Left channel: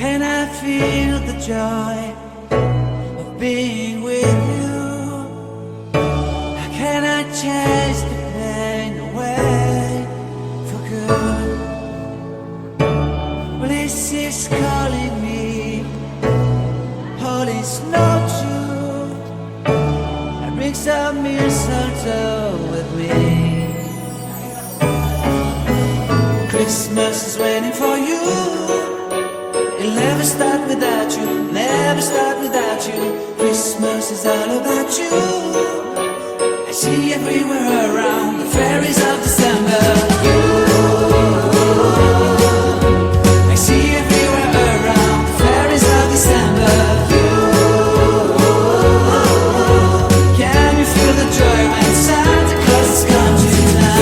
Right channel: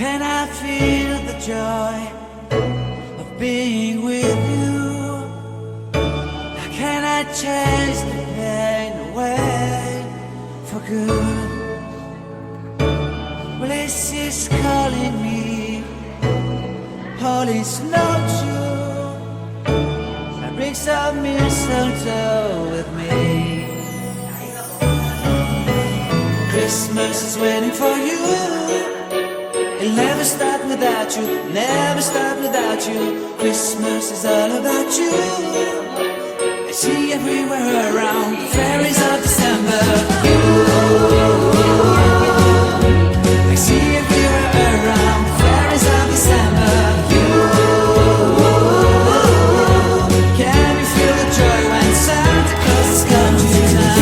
can I feel the joy of being with you? How can I chase the pain away for good? Well, this is calling me, all is not true. I bring some mistletoe with me. Christmas is waiting for you. It'll never start without you, never start without you. Christmas is all about you. I see everywhere around the fairies of December. You, I see everywhere around the fairies of December. You, can you feel the joy when Santa Claus comes to town?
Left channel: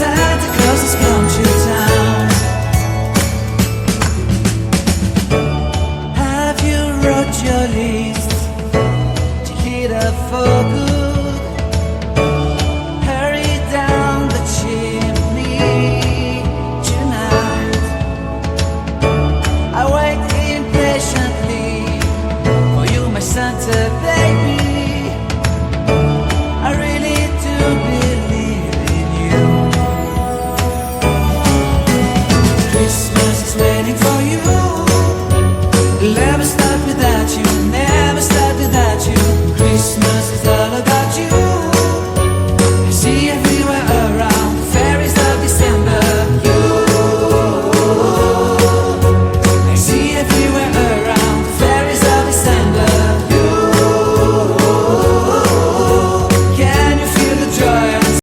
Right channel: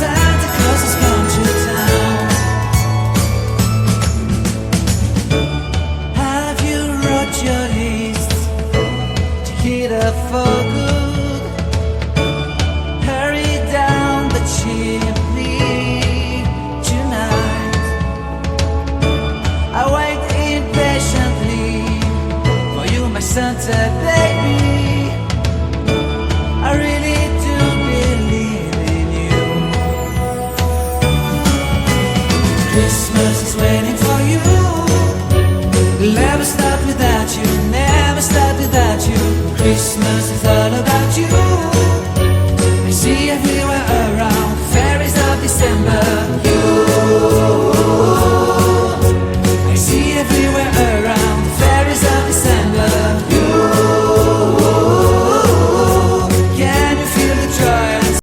Santa Claus has come to town. Have you wrote your list? Check it up for good. Hurry down the chimney tonight. I wait impatiently for you, my Santa baby. I really do believe in you. Christmas is waiting for you. It'll never start without you, never start without you. Christmas is all about you. I see everywhere around the fairies of December. You